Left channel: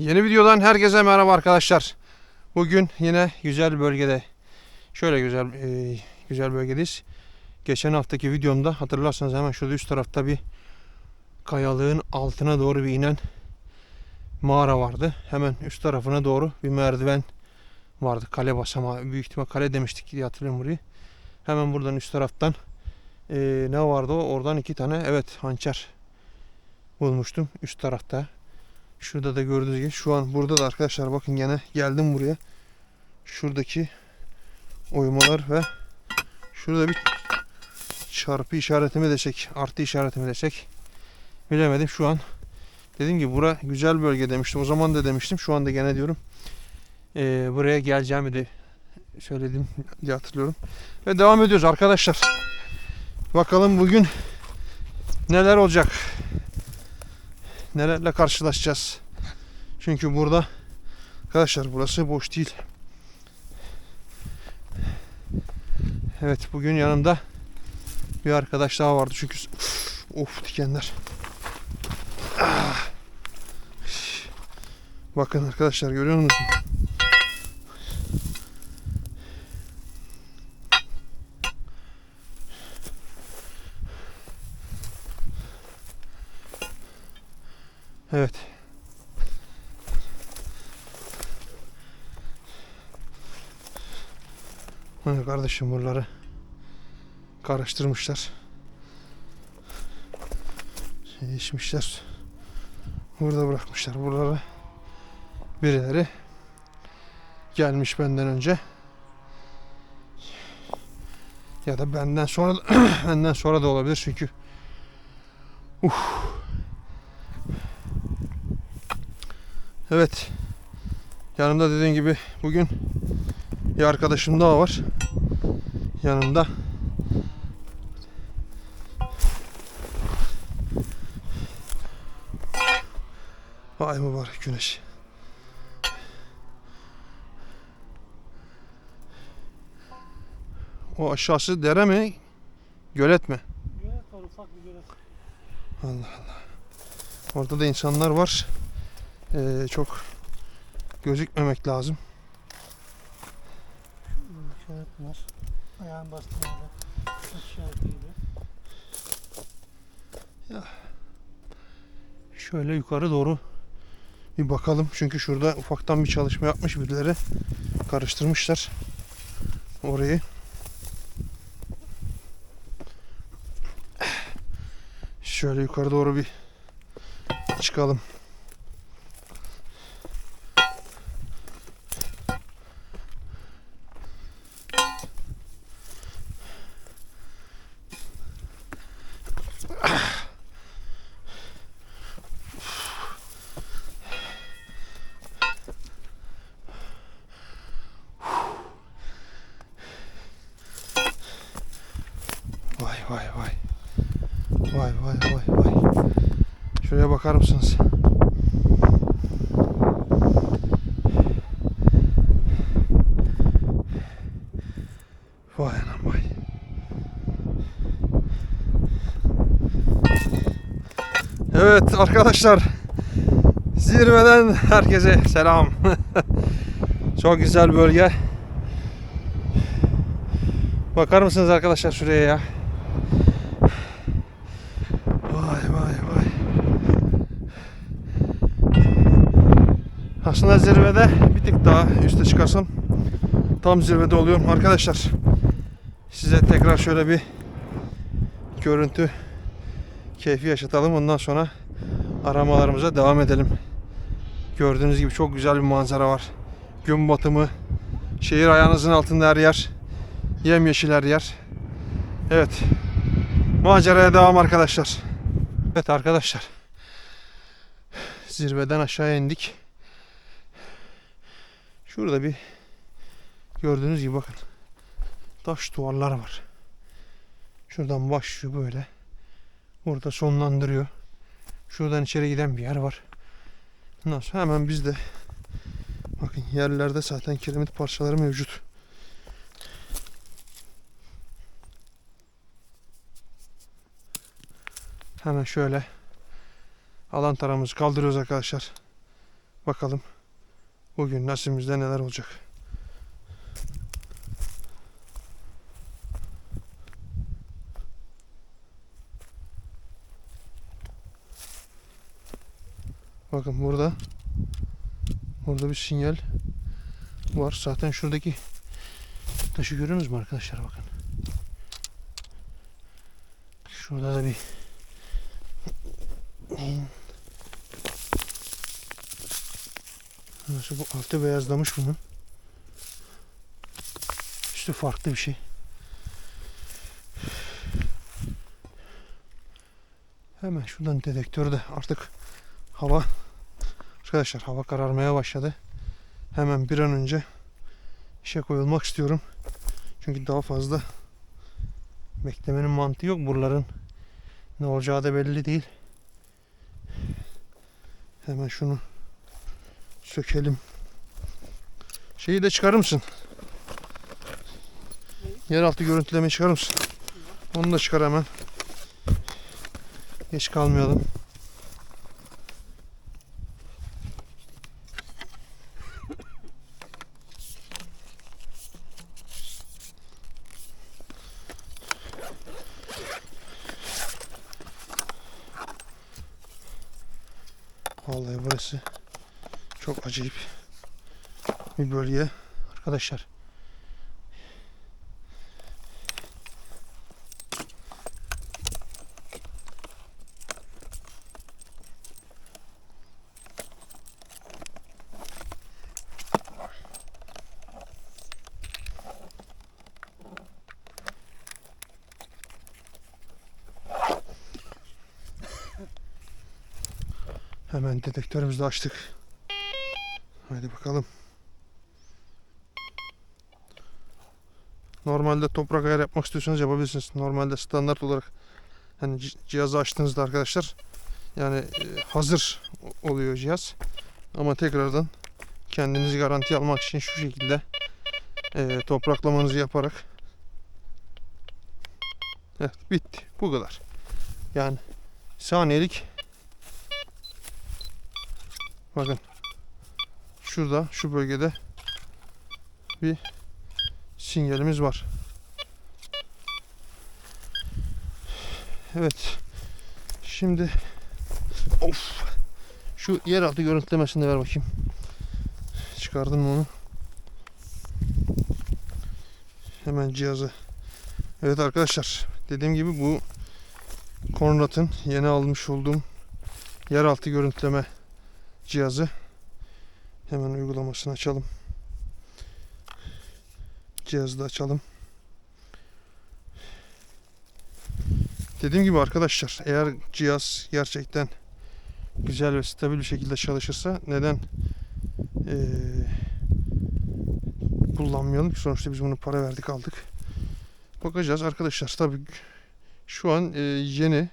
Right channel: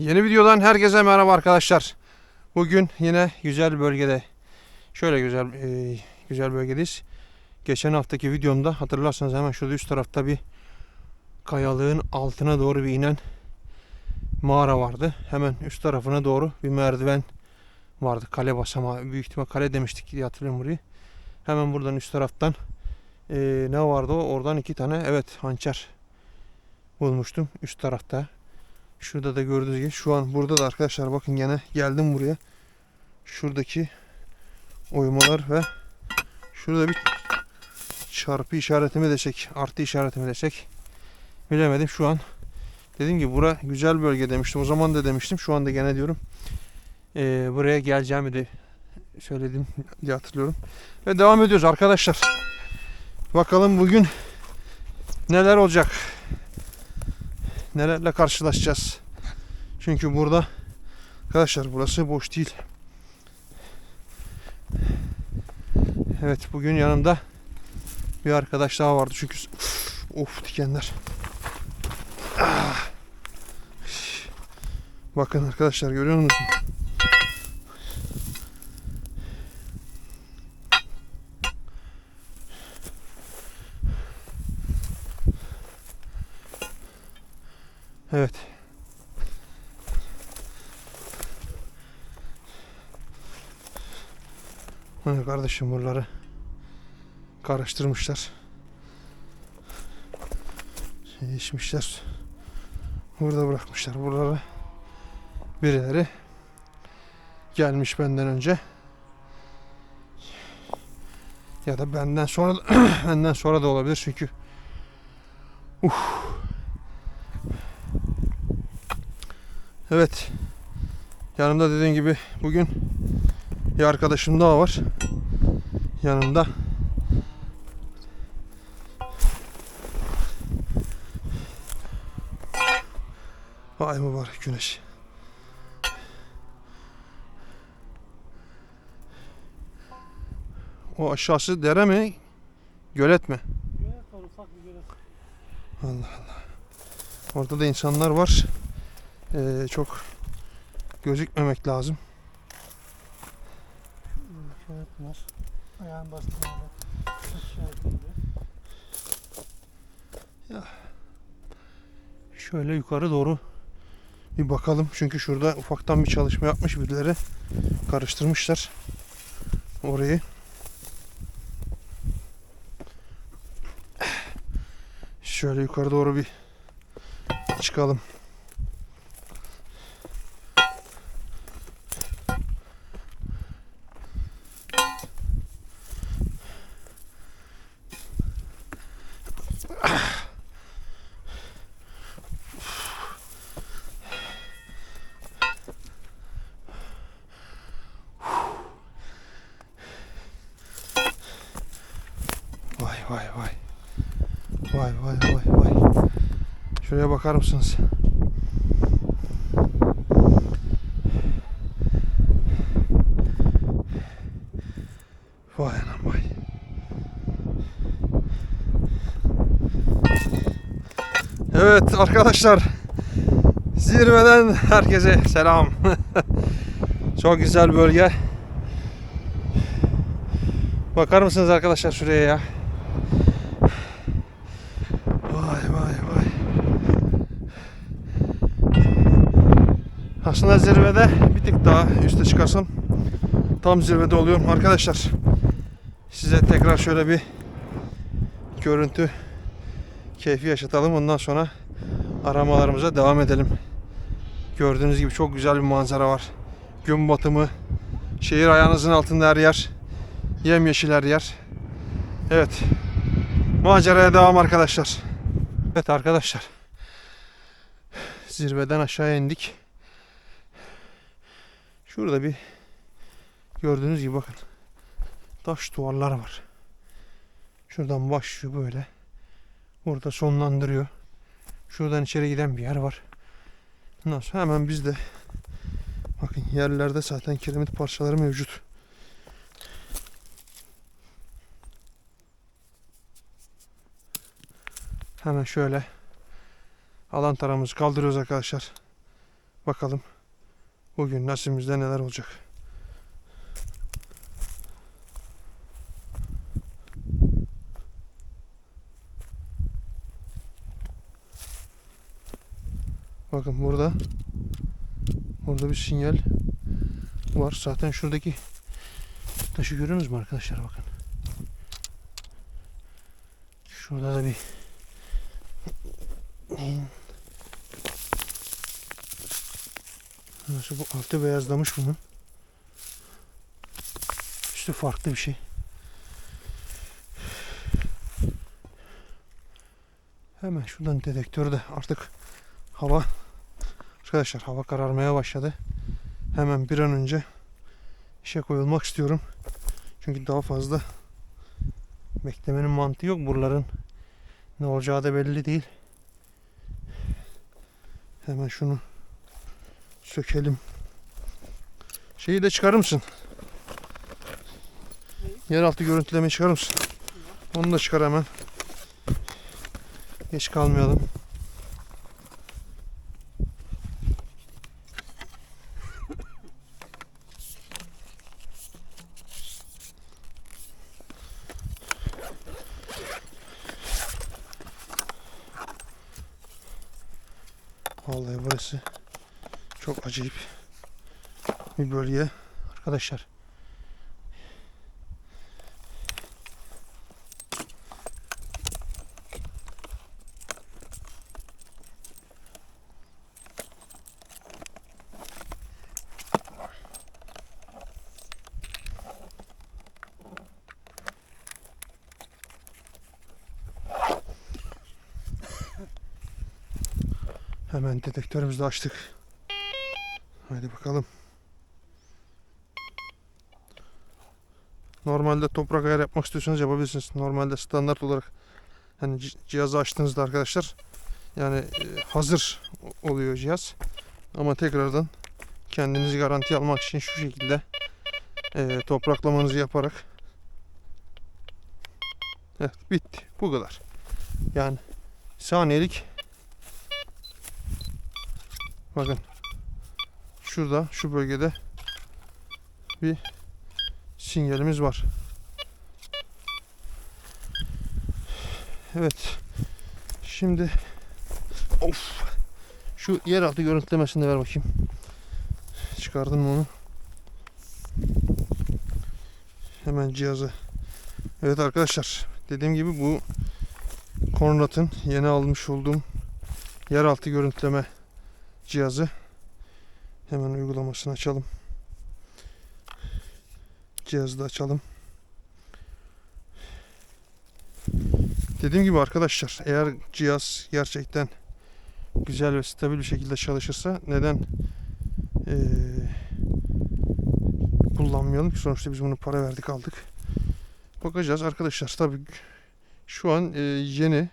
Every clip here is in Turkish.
Yeni videodan herkese merhaba arkadaşlar. Bugün yine güzel bölgede, şöyle güzel e, güzel bölgedeyiz. Geçen haftaki videomda hatırlarsanız hemen şurada üst tarafta bir kayalığın altına doğru bir inen mağara vardı. Hemen üst tarafına doğru bir merdiven vardı. Kale basamağı. Büyük ihtimal kale demiştik diye hatırlıyorum burayı. Hemen buradan üst taraftan e, ne vardı o? Oradan iki tane evet hançer bulmuştum üst tarafta. Şurada da gördüğünüz gibi şu an burada da arkadaşlar bakın gene geldim buraya. Şuradaki oymalar ve şurada bir çarpı işaretimi desek, artı işaretimi desek bilemedim şu an. Dediğim gibi bura güzel bölge demiştim. O zaman da demiştim. Şu anda gene diyorum. Ee, buraya geleceğimi de söyledim diye hatırlıyorum. Ve devam ediyoruz arkadaşlar. Bakalım bugün neler olacak nelerle karşılaşacağız. Çünkü burada arkadaşlar burası boş değil. Evet bugün yanımda bir arkadaş daha vardı çünkü of dikenler. Ah. Bakın arkadaşlar görüyor musunuz? Evet. Hani kardeşim buraları karıştırmışlar. İçmişler. Burada bırakmışlar buraları. Birileri gelmiş benden önce. Ya da benden sonra benden sonra da olabilir çünkü Evet. Yanımda dediğim gibi bugün bir arkadaşım daha var. Yanımda. Vay mübarek güneş. O aşağısı dere mi? Gölet mi? Gölet var ufak bir gölet. Allah Allah. Orada da insanlar var. Ee, çok gözükmemek lazım. Şöyle. Şöyle yukarı doğru bir bakalım. Çünkü şurada ufaktan bir çalışma yapmış birileri. Karıştırmışlar orayı. Şöyle yukarı doğru bir çıkalım. Vay vay vay. Vay vay vay vay. Şuraya bakar mısınız? Vay anam vay. Evet arkadaşlar. Zirveden herkese selam. Çok güzel bölge. Bakar mısınız arkadaşlar şuraya ya? Vay vay vay. Aslında zirvede bir tık daha üste çıkarsam tam zirvede oluyorum arkadaşlar. Size tekrar şöyle bir görüntü keyfi yaşatalım. Ondan sonra aramalarımıza devam edelim. Gördüğünüz gibi çok güzel bir manzara var. Gün batımı, şehir ayağınızın altında her yer. Yemyeşil her yer. Evet. Maceraya devam arkadaşlar. Evet arkadaşlar. Zirveden aşağıya indik. Şurada bir gördüğünüz gibi bakın. Taş duvarlar var. Şuradan başlıyor böyle. Burada sonlandırıyor. Şuradan içeri giden bir yer var. Ondan hemen bizde bakın yerlerde zaten kiremit parçaları mevcut. Hemen şöyle alan taramızı kaldırıyoruz arkadaşlar. Bakalım bugün nasibimizde neler olacak. Bakın burada burada bir sinyal var. Zaten şuradaki taşı görüyorsunuz mu arkadaşlar bakın. Şurada da bir neyin Nasıl bu altı beyazlamış bunun. Üstü farklı bir şey. Hemen şuradan dedektörde artık hava arkadaşlar hava kararmaya başladı. Hemen bir an önce işe koyulmak istiyorum. Çünkü daha fazla beklemenin mantığı yok. Buraların ne olacağı da belli değil. Hemen şunu sökelim. Şeyi de çıkarır mısın? Yeraltı görüntülemeyi çıkarır mısın? Onu da çıkar hemen. Geç kalmayalım. Vallahi burası çok acayip bir bölge arkadaşlar. Hemen dedektörümüzü de açtık. Hadi bakalım. Normalde toprak ayar yapmak istiyorsanız yapabilirsiniz. Normalde standart olarak ci- cihazı açtığınızda arkadaşlar yani e, hazır oluyor cihaz. Ama tekrardan kendinizi garanti almak için şu şekilde e, topraklamanızı yaparak Evet bitti. Bu kadar. Yani saniyelik bakın şurada şu bölgede bir sinyalimiz var. Evet. Şimdi of şu yeraltı görüntülemesini ver bakayım. Çıkardın mı onu? Hemen cihazı. Evet arkadaşlar dediğim gibi bu Conrad'ın yeni almış olduğum yeraltı görüntüleme cihazı. Hemen uygulamasını açalım. Cihazı da açalım. Dediğim gibi arkadaşlar eğer cihaz gerçekten güzel ve stabil bir şekilde çalışırsa neden eee, kullanmayalım ki sonuçta biz bunu para verdik aldık. Bakacağız arkadaşlar tabi şu an eee, yeni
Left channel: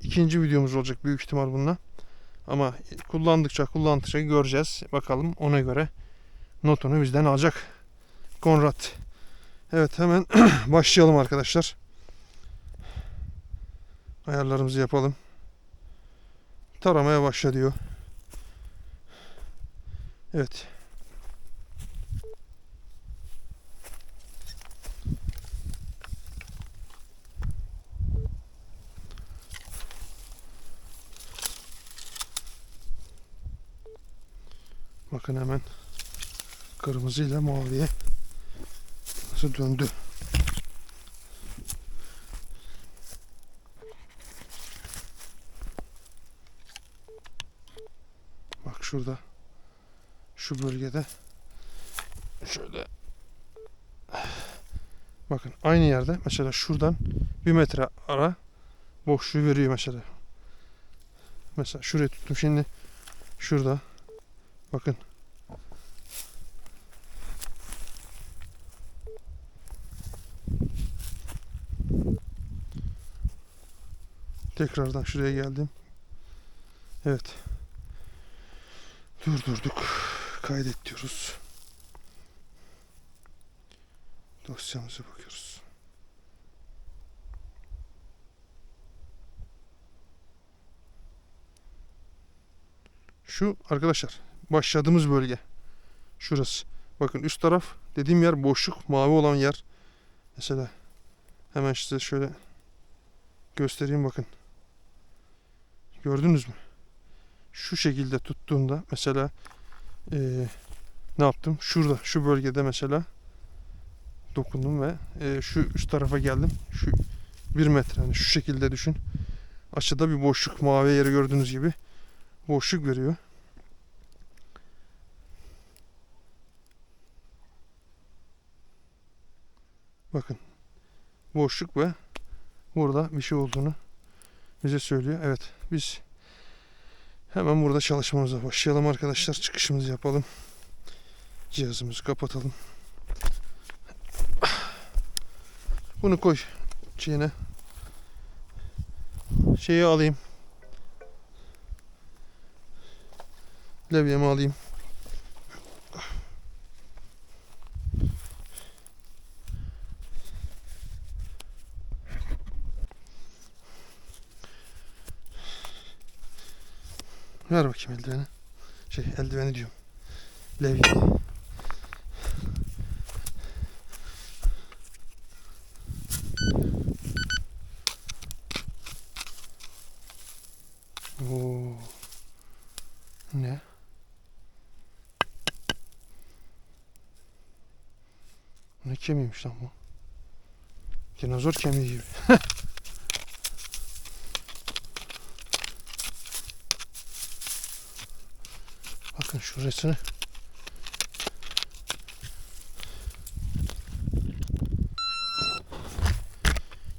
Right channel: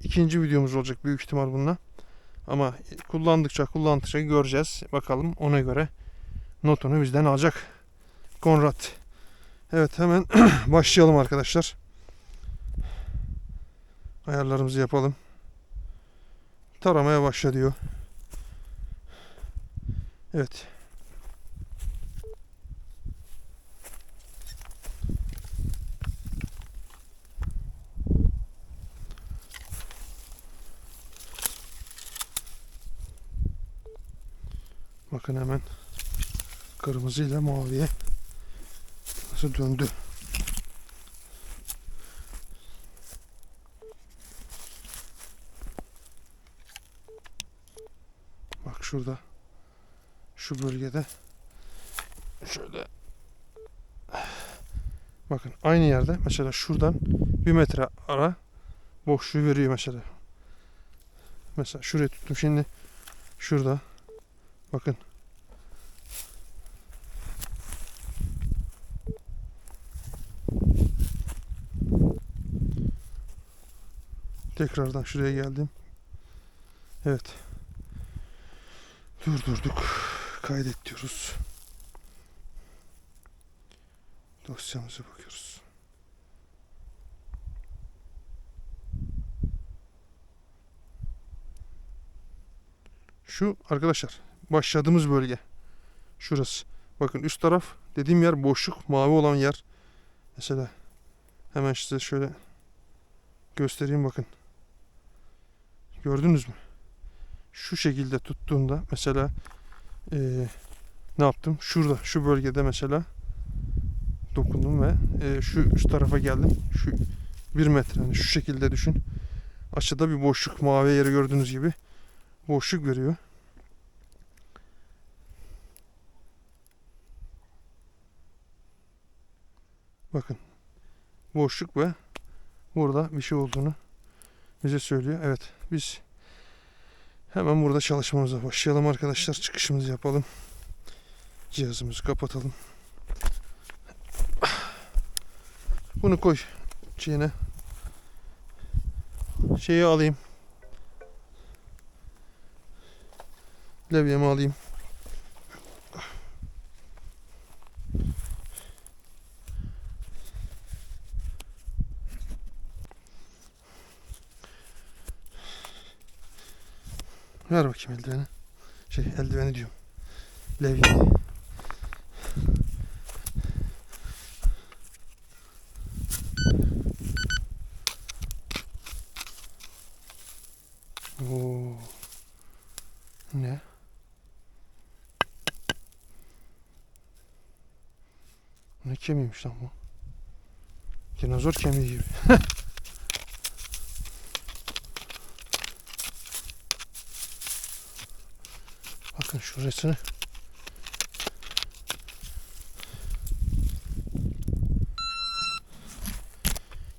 ikinci videomuz olacak büyük ihtimal bununla. Ama kullandıkça kullandıkça göreceğiz. Bakalım ona göre notunu bizden alacak. Konrad. Evet hemen başlayalım arkadaşlar. Ayarlarımızı yapalım. Taramaya başla diyor. Evet. Bakın hemen kırmızı ile maviye nasıl döndü. Bak şurada şu bölgede şöyle bakın aynı yerde mesela şuradan bir metre ara boşluğu veriyor mesela. Mesela şuraya tuttum şimdi şurada bakın Tekrardan şuraya geldim. Evet. Durdurduk. Kaydet diyoruz. Dosyamıza bakıyoruz. Şu arkadaşlar başladığımız bölge. Şurası. Bakın üst taraf dediğim yer boşluk mavi olan yer. Mesela hemen size şöyle göstereyim bakın. Gördünüz mü? Şu şekilde tuttuğunda mesela eee, ne yaptım? Şurada şu bölgede mesela dokundum ve eee, şu üst tarafa geldim. Şu bir metre yani şu şekilde düşün. Aşağıda bir boşluk mavi yeri gördüğünüz gibi boşluk veriyor. Bakın boşluk ve burada bir şey olduğunu bize söylüyor. Evet biz hemen burada çalışmamıza başlayalım arkadaşlar. Çıkışımızı yapalım. Cihazımızı kapatalım. Bunu koy şeyine. Şeyi alayım. Levyemi alayım. Ver bakayım eldiveni. Şey eldiveni diyorum. Levyeyi. Oo. Ne? Ne kemiğiymiş lan bu? Dinozor kemiği gibi. Bakın şurasını.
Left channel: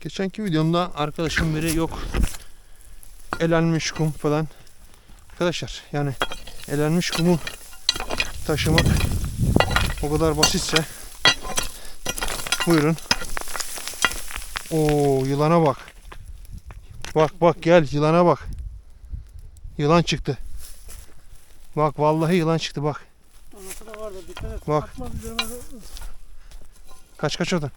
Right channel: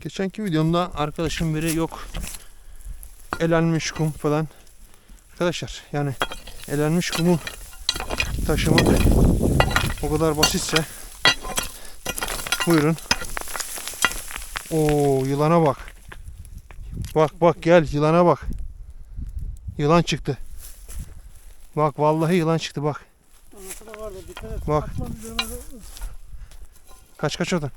Geçenki videomda arkadaşım biri yok elenmiş kum falan. Arkadaşlar yani elenmiş kumu taşımak o kadar basitse buyurun. Oo yılana bak. Bak bak gel yılana bak. Yılan çıktı. Bak vallahi yılan çıktı bak. Anası da vardı dikkat et. Bak. Atma Kaç kaç oradan.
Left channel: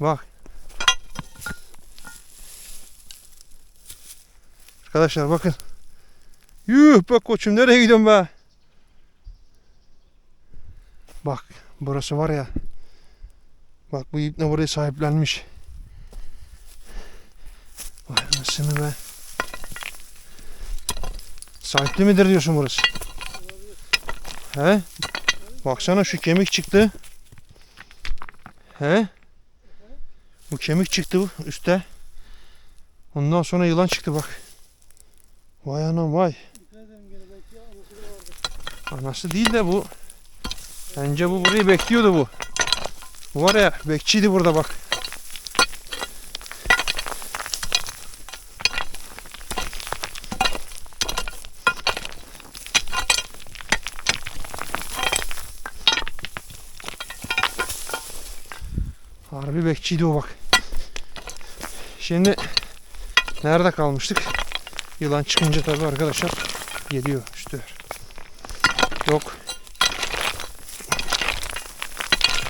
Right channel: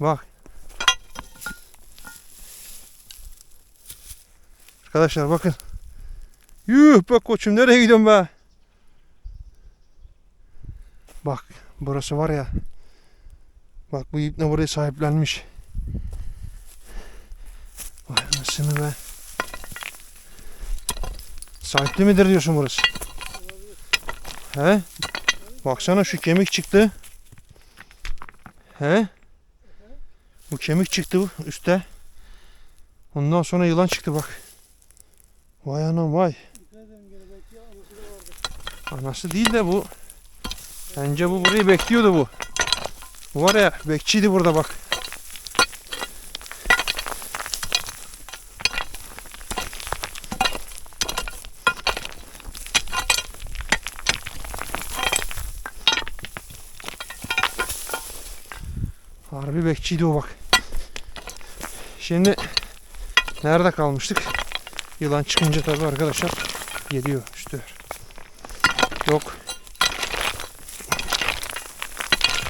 Bak. Arkadaşlar bakın. Yuh bak koçum nereye gidiyorsun be? Bak burası var ya. Bak bu ipne burayı sahiplenmiş. Vay anasını be. Sahipli midir diyorsun burası? He? Baksana şu kemik çıktı. He? Bu kemik çıktı üstte. Ondan sonra yılan çıktı bak. Vay anam vay. Anası değil de bu. Bence bu burayı bekliyordu bu. Bu var ya bekçiydi burada bak. Bekçiydi o bak. Şimdi nerede kalmıştık? Yılan çıkınca tabii arkadaşlar geliyor üstü. Yok.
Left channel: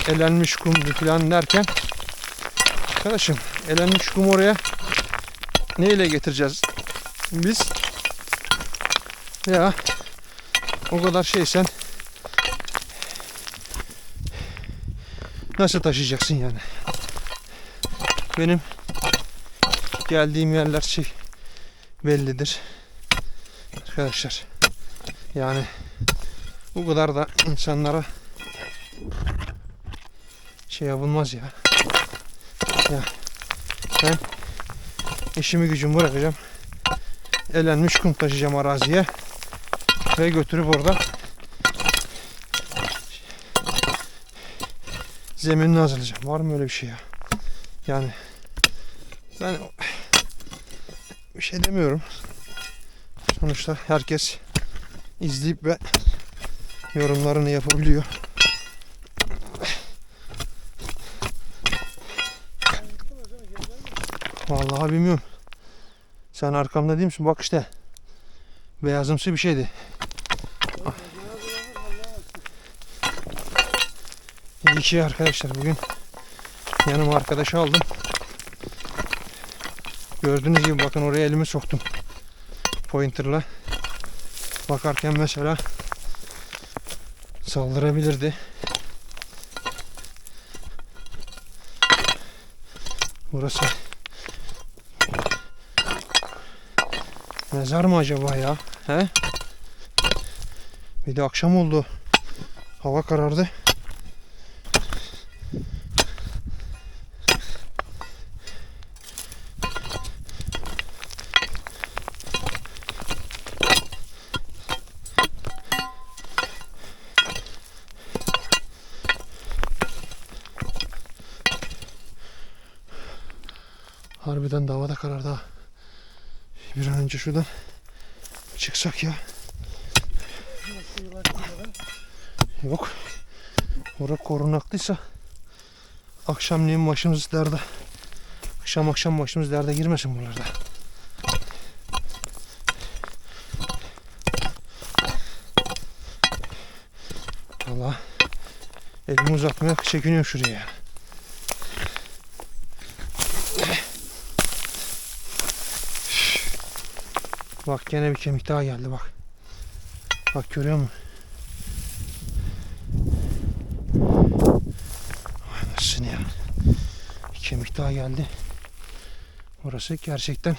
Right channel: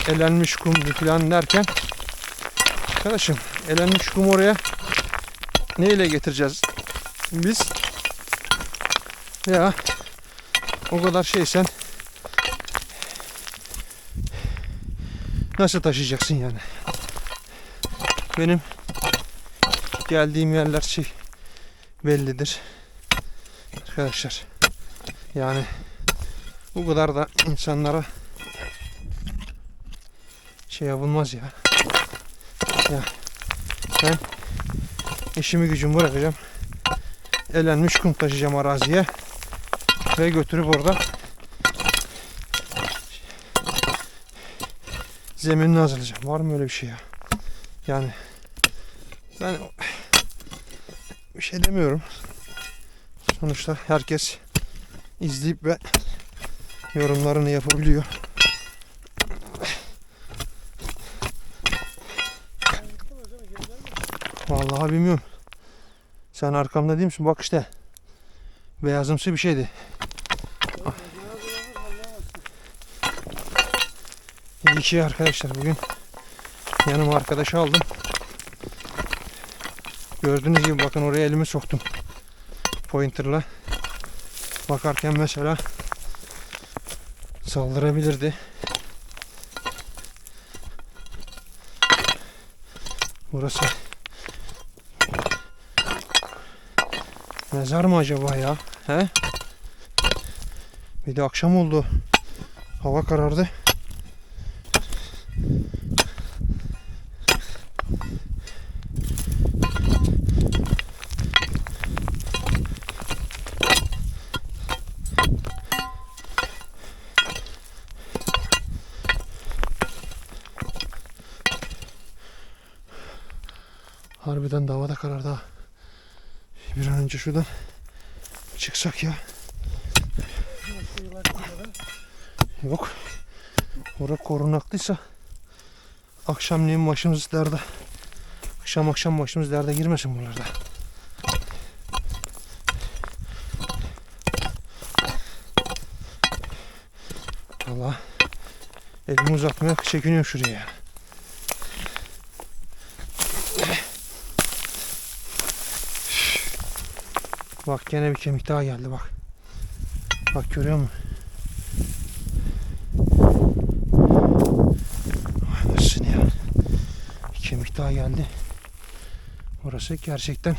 Elenmiş kum falan derken arkadaşım elenmiş kum oraya neyle getireceğiz biz? Ya o kadar şey sen nasıl taşıyacaksın yani? Benim geldiğim yerler şey bellidir. Arkadaşlar yani bu kadar da insanlara şey yapılmaz ya. Ya ben işimi gücümü bırakacağım. Elenmiş kum taşıyacağım araziye ve götürüp orada zeminini hazırlayacağım. Var mı öyle bir şey ya? Yani ben bir şey demiyorum. Sonuçta herkes izleyip ve yorumlarını yapabiliyor. Vallahi bilmiyorum. Sen arkamda değil misin? Bak işte. Beyazımsı bir şeydi. İyi ki arkadaşlar bugün yanıma arkadaşı aldım. Gördüğünüz gibi bakın oraya elimi soktum. Pointer'la. bakarken mesela saldırabilirdi. Burası mezar mı acaba ya? He? Bir de akşam oldu. Hava karardı. Harbiden de hava da karardı ha. Bir an önce şuradan çıksak ya. Yok. Orada korunaklıysa akşamleyin başımız derde. Akşam akşam başımız derde girmesin buralarda. Allah elimi uzatmaya çekiniyorum şuraya. ya. Bak gene bir kemik daha geldi bak. Bak görüyor musun? Anasını ya. Bir kemik daha geldi. Orası gerçekten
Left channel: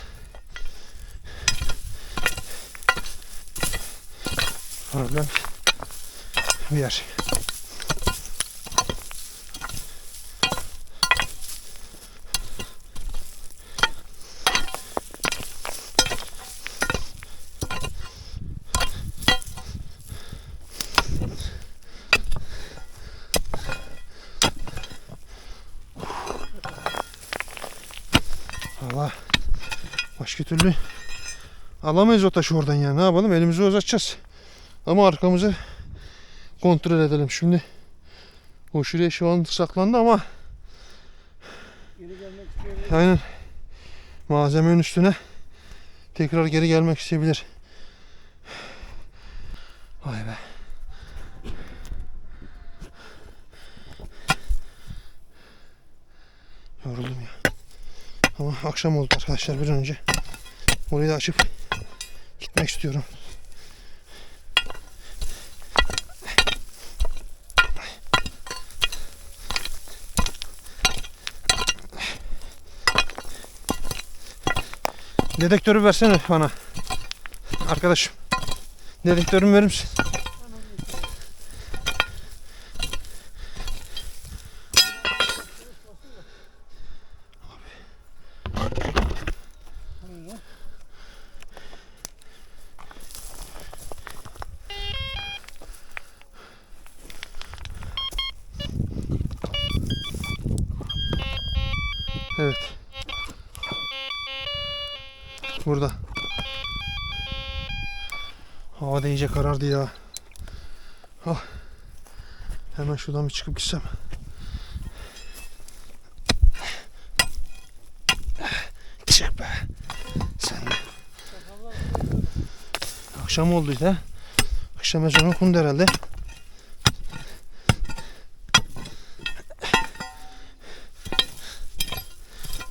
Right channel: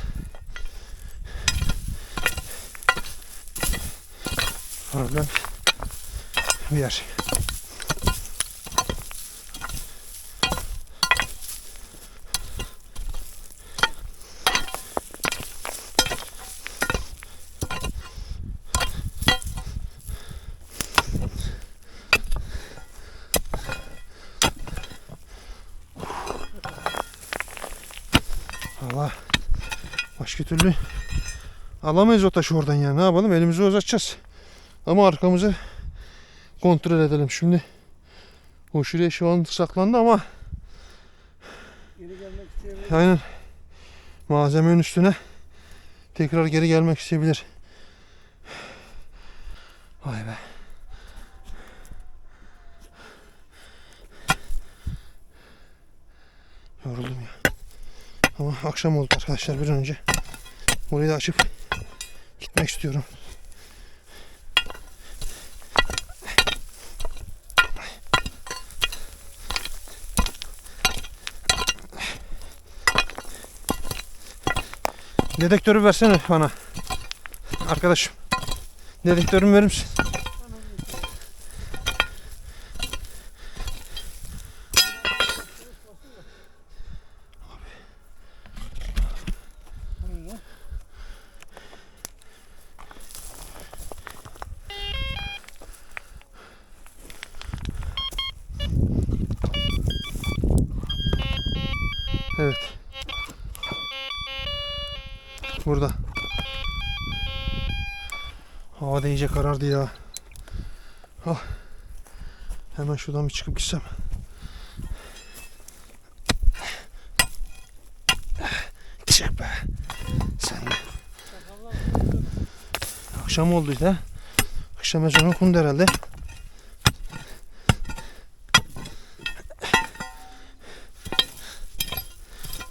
problem bir yer. Alamayız o taşı oradan ya. Ne yapalım? Elimizi uzatacağız. Ama arkamızı kontrol edelim. Şimdi o şuraya şu an saklandı ama aynen malzemenin üstüne tekrar geri gelmek isteyebilir. Vay be. Yoruldum ya. Ama akşam oldu arkadaşlar bir önce. Orayı da açıp gitmek istiyorum. Dedektörü versene bana. Arkadaşım. Dedektörümü verir misin? Buyurun. Evet. Burada. Hava da karardı ya. Ah. Hemen şuradan bir çıkıp gitsem. Çık be. Sen de. Akşam oldu işte. Akşam ezanı okundu herhalde.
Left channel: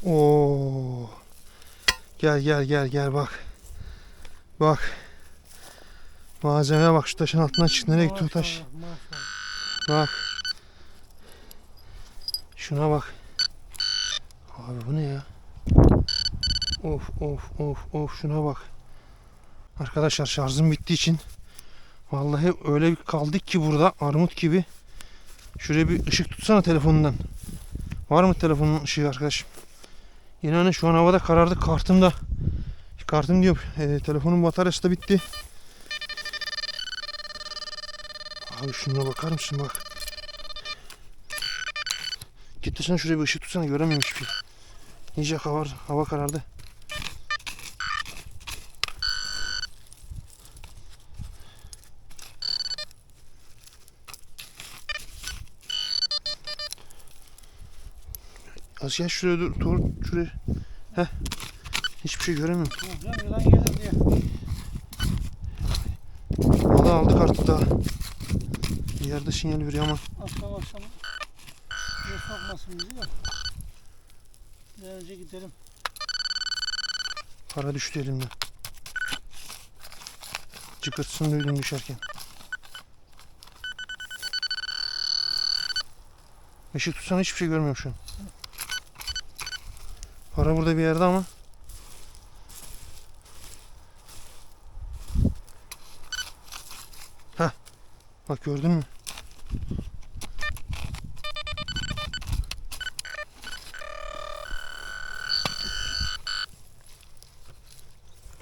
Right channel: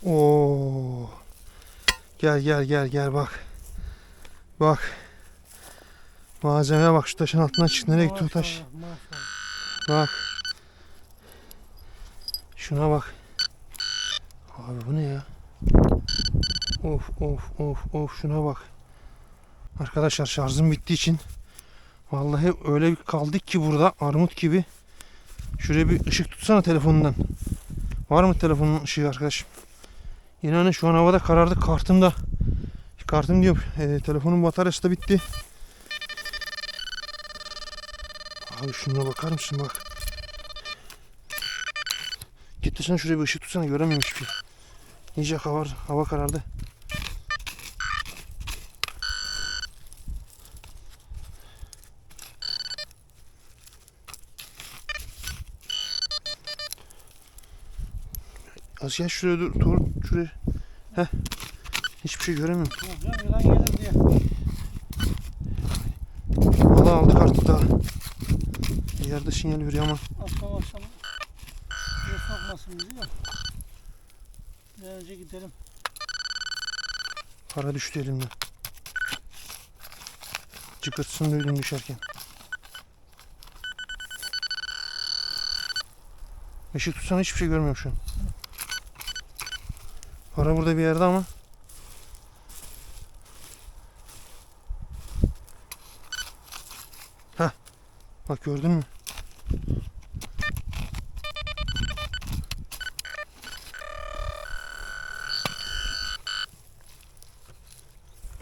Oo. Gel gel gel gel bak. Bak. Malzemeye bak şu taşın altından çıktı. Nereye gitti o taş? Bak. Şuna bak. Abi bu ne ya? Of of of of şuna bak. Arkadaşlar şarjım bittiği için vallahi öyle bir kaldık ki burada armut gibi. Şuraya bir ışık tutsana telefonundan. Var mı telefonun ışığı arkadaşım? İnanın şu an havada karardı. Kartım da kartım diyorum. e, telefonun bataryası da bitti. Abi şuna bakar mısın bak. Git sen şuraya bir ışık tutsana göremiyorum hiçbir şey. İyice hava, hava karardı. Az gel şuraya dur, dur şuraya. Heh. Hiçbir şey göremiyorum. Yılan gelir diye. Valla aldık artık daha. Yerde sinyal veriyor ama. Akşam akşam suya sokmasın bizi de. Bir an önce gidelim. Para düştü elimden. Çıkırtısını duydum düşerken. Işık tutsana hiçbir şey görmüyorum şu an. Para burada bir yerde ama. Heh. Bak gördün mü?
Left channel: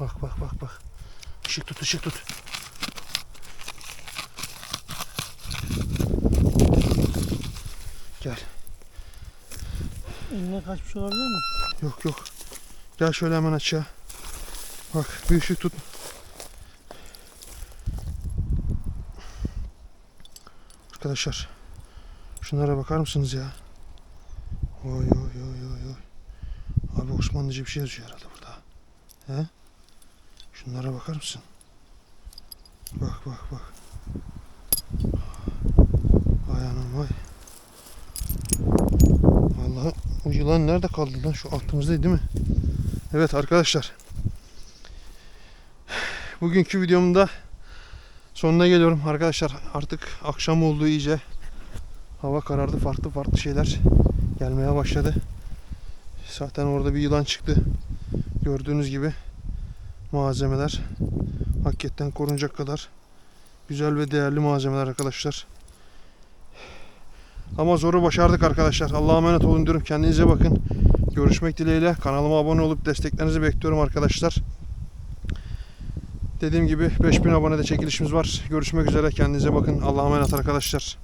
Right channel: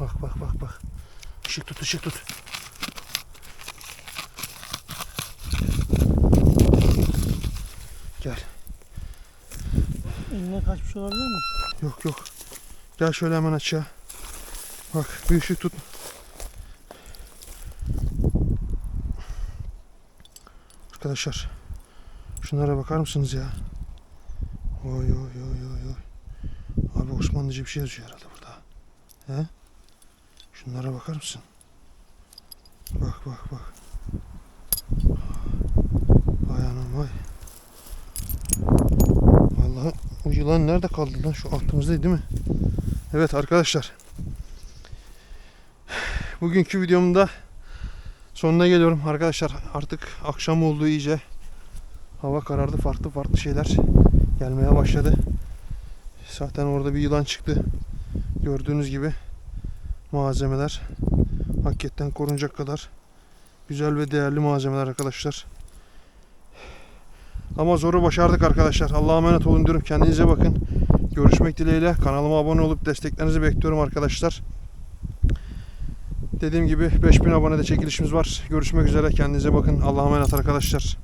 Bak bak bak bak. Işık tut ışık tut. Gel. Eline kaçmış olabilir mi? Yok yok. Gel şöyle hemen aşağı. Bak bir ışık tut. Arkadaşlar. Şunlara bakar mısınız ya? Oy oy oy oy oy. Abi Osmanlıca bir şey yazıyor herhalde burada. He? Şunlara bakar mısın? Bak bak bak. Vay anam vay. Vallahi o yılan nerede kaldı lan? Şu altımızdaydı değil mi? Evet arkadaşlar. Bugünkü videomun da sonuna geliyorum. Arkadaşlar artık akşam oldu iyice. Hava karardı. Farklı farklı şeyler gelmeye başladı. Zaten orada bir yılan çıktı. Gördüğünüz gibi malzemeler hakikaten korunacak kadar güzel ve değerli malzemeler arkadaşlar. Ama zoru başardık arkadaşlar. Allah'a emanet olun diyorum. Kendinize bakın. Görüşmek dileğiyle. Kanalıma abone olup desteklerinizi bekliyorum arkadaşlar. Dediğim gibi 5000 abonede çekilişimiz var. Görüşmek üzere. Kendinize bakın. Allah'a emanet arkadaşlar.